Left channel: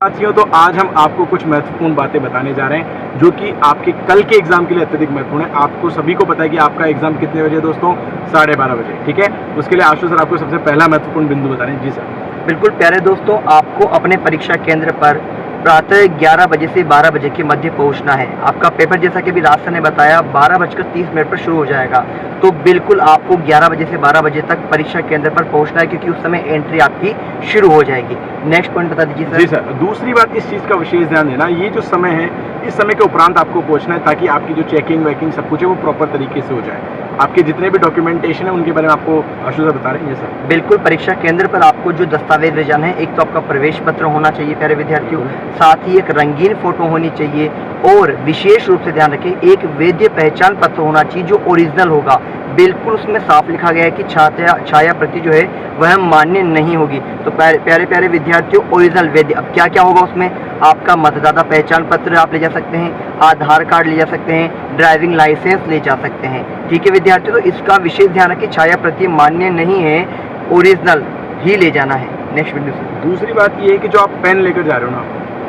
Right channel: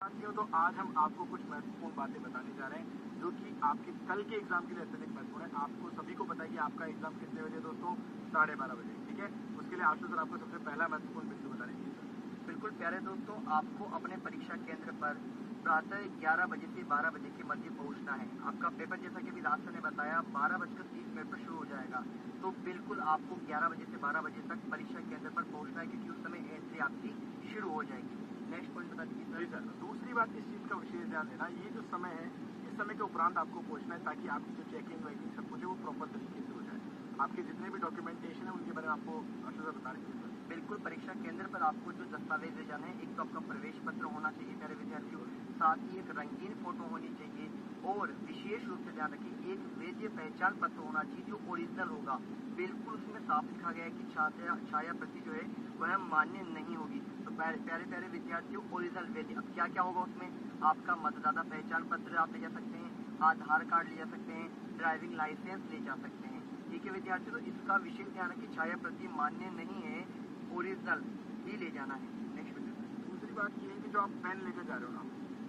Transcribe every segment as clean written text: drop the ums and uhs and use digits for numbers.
साथियों, तो आज हम आपको कुछ महत्वपूर्ण बातें बताने जा रहे हैं जो कि आपके कल के एग्जाम के लिए अत्यधिक महत्वपूर्ण है। आपको सभी को पता है कि आपका एग्जाम कितने बजे दोस्तों? 12:30 बजे। ठीक है, उसके लिए आशु सर आपको सबसे पहला महत्वपूर्ण बिंदु बता रहे हैं। जी सर। बिल्कुल प्यारे दोस्तों, आपको अपने परीक्षा केंद्र पर प्रातः 11 बजे से 12 बजे के मध्य पहुंचना है। आपका पेपर जैसा कि अभी राज सर ने बताया 12:30 पर शुरू हो जाएगा, तो बिल्कुल आपको 11 बजे से 12 बजे तक परीक्षा केंद्र पर पहुंचना है, क्योंकि उस समय एंट्री आपकी शुरू हो जाएगी। नेक्स्ट पॉइंट बता दीजिए सर। जी सर, दूसरी बात इस चीज़ का विशेष ध्यान देना, ये जो समय है इस समय के उपरांत आपको पहुंचना है ताकि आपकी जो चेकिंग वेकिंग सब कुछ है वो प्रॉपर तरीके से हो जाए। आपके जितने भी डॉक्यूमेंटेशन है उनके बारे में आपको आशु सर बता रहे हैं। ये सर बिल्कुल, परीक्षा केंद्र पर आपको जो दस्तावेज ले जाना है, एक तो आपका प्रवेश पत्र होना चाहिए प्यारे विद्यार्थियों, साथ ही एक रंगीन फोटो होनी चाहिए, और विशेष रूप से ध्यान रखें एक वैध पहचान पत्र होना चाहिए जो ओरिजिनल होगा। बिल्कुल उसमें साफ लिखा गया है कि छाया प्रति जो है वह मान्य नहीं होगी। तो प्यारे प्यारे विद्यार्थियों, ओरिजिनल वैध, अब क्या क्या होगा उसमें? आपका मतदाता पहचान पत्र आप ले जा सकते हैं, आधार कार्ड ले जा सकते हैं, ड्राइविंग लाइसेंस ले जा सकते हैं। ठीक है विद्यार्थियों, तो इसका विशेष ध्यान रखें, छाया प्रति मान्य नहीं है, ओरिजिनल ही ले जाना है। नेक्स्ट वीडियो से दूसरी बात ये है कि जो आप पेन लेकर जा रहे हो ना,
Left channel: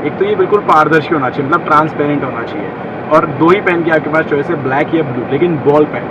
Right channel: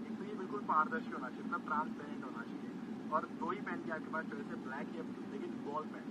एक तो ये बिल्कुल पारदर्शी होना चाहिए, मतलब ट्रांसपेरेंट होना चाहिए, और दो ही पेन की आपके पास चॉइस है, ब्लैक या ब्लू, लेकिन बॉल पेन,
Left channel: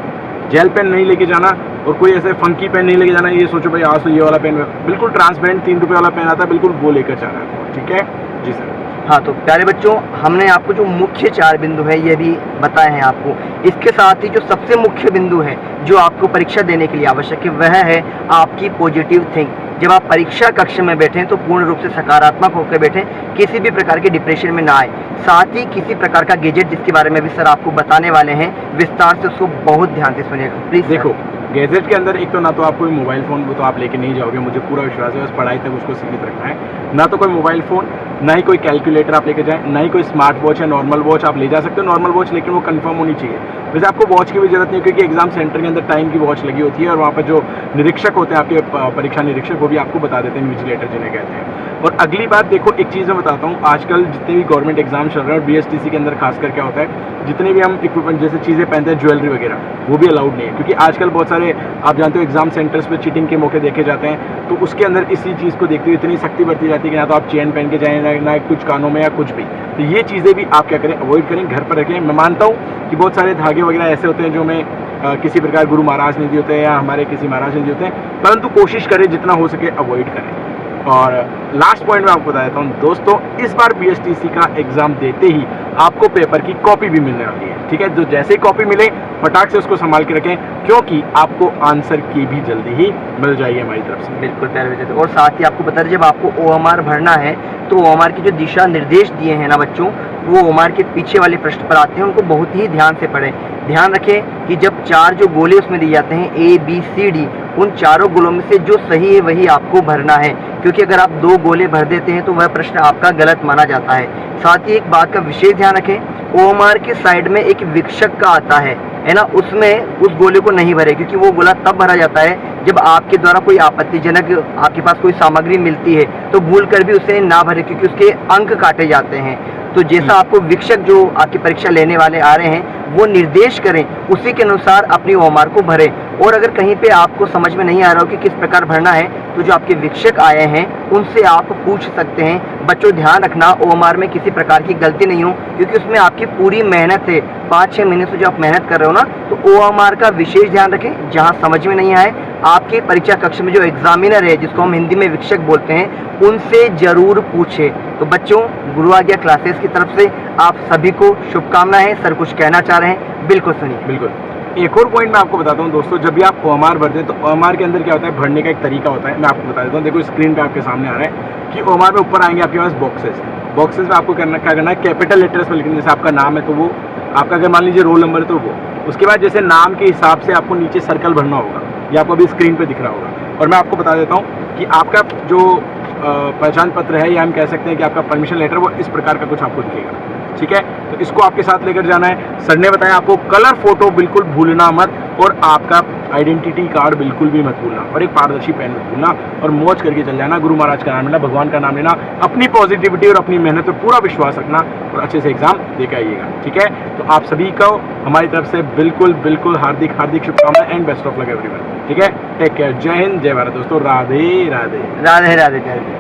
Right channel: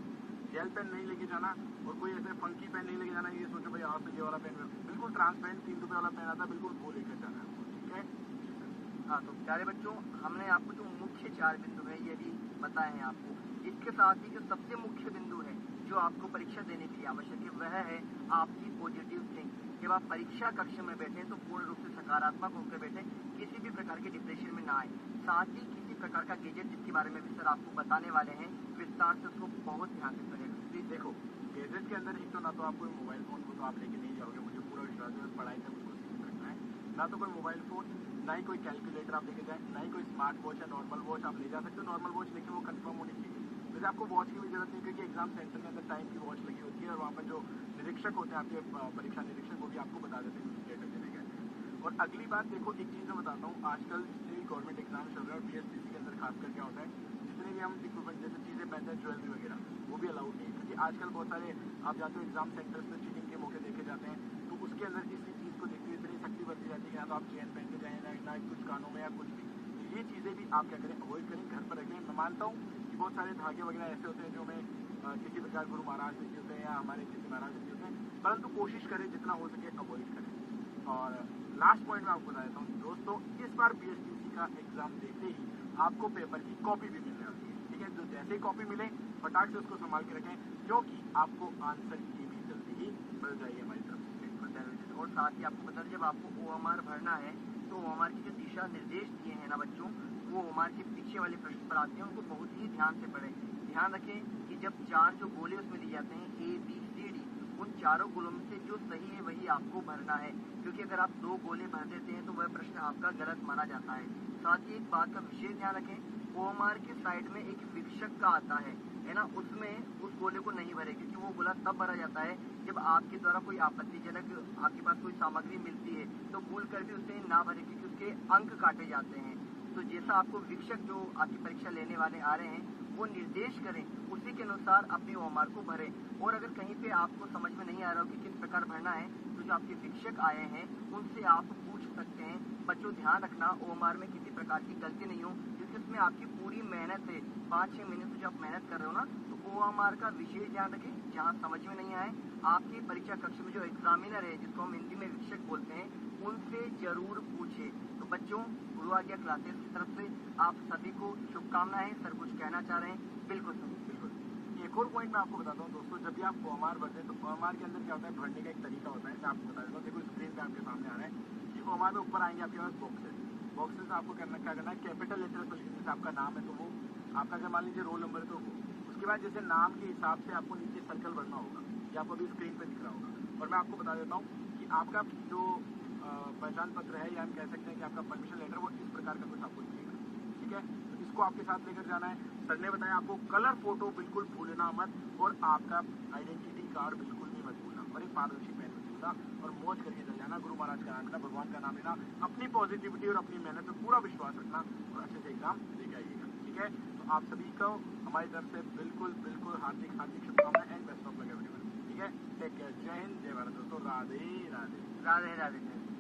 जेल पेन नहीं लेके जाना, और कोई ऐसे फंकी पेन नहीं लेके जाना। ये सोचो भाई आज तो ये वाला पेन, बिल्कुल ट्रांसपेरेंट 3 रुपये वाला पेन आता है, बिल्कुल वो लेकर जाना है। ठीक है जी सर। हाँ, तो प्यारे बच्चों, हमने आपको जो मुख्य 4 बिंदु है ये भी बताए हैं आपको। इसके साथ ही जो सबसे मुख्य बिंदु है जो आपको परीक्षा देने के लिए आवश्यक है, वह है आपकी पॉजिटिव थिंक। जब आप परीक्षा कक्ष में बैठें तो पूर्ण रूप से सकारात्मक होकर बैठें, किसी भी प्रकार के डिप्रेशन में ना आए। साथ ही किसी प्रकार का गैजेट जिसके बारे में भी सर आपको बताने वाले हैं विस्तार से, उसको बहुत ध्यान से सुनिएगा प्लीज। देखो, गैजेट के अंदर एक तो ना तो आपको मोबाइल फ़ोन, वो तो आप लेके नहीं जाओगे, मुझे पूरा विश्वास है, बस पढ़ाई तक उसको सीमित रखना है। ना तो कोई मोबाइल फ़ोन, ना ही कोई कैलकुलेटर आप लेके जाएं, ना ही कोई स्मार्ट वॉच या नॉर्मल वॉच। आप ले जा सकते हो नॉर्मल वॉच, लेकिन वो कंफर्म होनी चाहिए। वैसे आपको वॉच की भी जरूरत नहीं है, क्योंकि एग्जाम सेंटर के अंदर टाइम की वॉच लगी होती है, और वहाँ पर जो निरीक्षक होते हैं आपके परीक्षा निरीक्षक, वो भी आपको बता देते हैं, इन्विजिलेटर जिन्हें कहते हैं। और अगली बात देखो, एक चीज़ मैं बताता हूँ, आजकल जितने भी गवर्नमेंट एग्जाम चल रहे हैं और BSTC के अंदर खासकर क्या होता है, जितने भी हम इक्विपमेंट जैसे चीज़ें पहनते हैं, ज्वेलरी वगैरह, वो भी अलाउड नहीं है, क्योंकि आजकल बहुत सारे आप जानते हो एग्जाम सेंटर्स पे चीटिंग के मौके देखे जाते हैं। तो उसके अंदर इसी चीज़ को देखते हुए इतनी सख्ती बरती जाती है कि ना तो आप चेन पहन के जाएं, ना कुछ कानों में या कुछ भी। तो ये चीज़ें भी आप क्या करें, अवॉइड करें, घर पर रखें। मैं मानता हूँ कि बहुत सारे धागे वगैरह ऐसे होते हैं जो हमें किसी प्रकार गुरु महाराज ने दिए होते हैं या हमारे किसी महाराज ने दिए होते हैं, परंतु कोशिश करें जितना हो सके अवॉइड करें। और लास्ट पॉइंट मैं आपको बता देता हूँ दोस्तों, इस बार BSTC का एग्जाम देते ही आपको पेपर की कॉपी भी मिलने वाली है। ठीक है, तो जैसे ही कॉपी मिले फटाक से उसको संभाल के रखें, क्योंकि आपको आंसर की भी जल्दी ही मिल जाएगी हमारी तरफ से। बिल्कुल प्यारे विद्यार्थी, और साथ ही आपको बता दें, जब आपको OMR भरना है तो OMR की जो दिशा निर्देश दिए हैं ना बच्चों, वो OMR के पीछे वाले प्रश्न पर आते हैं, उनको बहुत ही ध्यान से पढ़ें। ध्यान रखें कि जब 4 जो गोले उसमें दिए जाते हैं A B C D, उन चारों गोलों में से जो सही है वही आपको भरना है, क्योंकि अगर आप 2 गोले भर देते हैं तो वह प्रश्न आपका गलत माना जाता है। साथ ही एक बात का विशेष ध्यान रखें, OMR के साइड में एक विक्षक का आता है ना, उसमें उस गोले को नहीं भरे, क्योंकि वो गोला तब भरा जाता है जब आपके द्वारा कोई आपत्तिजनक आपके पास कोई सामग्री मिलती है, तो भूल कर भी उसे ना भरे, क्योंकि उसके अंक काटे जाते हैं। तो जैसा आपको विक्षक जो आपकी परीक्षा लेने वाले आ रहे हैं वो निर्देश करें, उसी के अनुसार अपनी OMR को भरें। और अगर कहीं पे आपको समझ में नहीं आ रहा हो कि किस प्रकार भरना है, तो जो आपके विक्षक आए हैं उनसे आप पूछ सकते हैं। बच्चों ध्यान रखना, OMR में किसी प्रकार की गलती नहीं हो, क्योंकि उसमें आपकी पूरी मेहनत है। 5-6 महीने से जो आप मेहनत कर रहे हो ना, तो OMR का विशेष ध्यान रखें। जहाँ समझ में नहीं आए, आपके परीक्षा कक्ष में जो एग्जामिनर है, जिसको हम हिंदी में विक्षक बोलते हैं, उनसे जरूर पूछे। तो बच्चों, गुरु आ गया क्लासेस की तरफ से आप सभी को शुभकामनाएं हैं। सर कुछ कहना चाह रहे हैं, बिल्कुल सुनिए। बिल्कुल, एक और पॉइंट मैं आपको बताता हूँ दोस्तों, जब भी आप OMR भरते हैं तो OMR के अंदर क्या होता है, भरने का एक तरीका होता है, मैं आपको बता देता हूँ। देखो स्क्रीन पे आपके सामने आ रहा है कि OMR में ऊपर आएंगे आपके पास बॉक्सेस में आपको क्या करना है, कैपिटल लेटर्स में लिखना। जैसे आपका नाम है तो वो आपका, अगर मान लीजिए रोल नंबर है तो वो, उसके बाद जैसे नाम के हिसाब से आपको नीचे सर्कल भरना होगा, ये आपको अभी स्क्रीन पे दिख रहा होगा। और मैं आपको बता देता हूँ कि आपका जो पहचान पत्र है, या हम कह सकते हैं कि आपका परमिशन लेटर, वो इस प्रकार का कुछ आपको दिखेगा। ठीक है, तो इसको आपके साथ लेकर जाना है। सर ने बताया आपको कलर फोटो बिल्कुल भूलना मत, और आपका आइडेंटिटी कार्ड बिल्कुल भी मत भूलना, और एक पारदर्शी पेन मत भूलना, और मौज करके चल जाना। गुरु महाराज का नाम लेना, भगवान का नाम लेना, अपनी पॉजिटिविटी और अपनी मेहनत पर पूरा विश्वास रखना, और अच्छे से एग्जाम देकर आइएगा। ठीक है, तो आप सभी को हमारी तरफ से बिल्कुल हार्दिक शुभकामनाएं and best of luck everyone. ठीक है, टेक केयर, जय हिंद, जय भारत दोस्तों, राधे राधे। राधे राधे।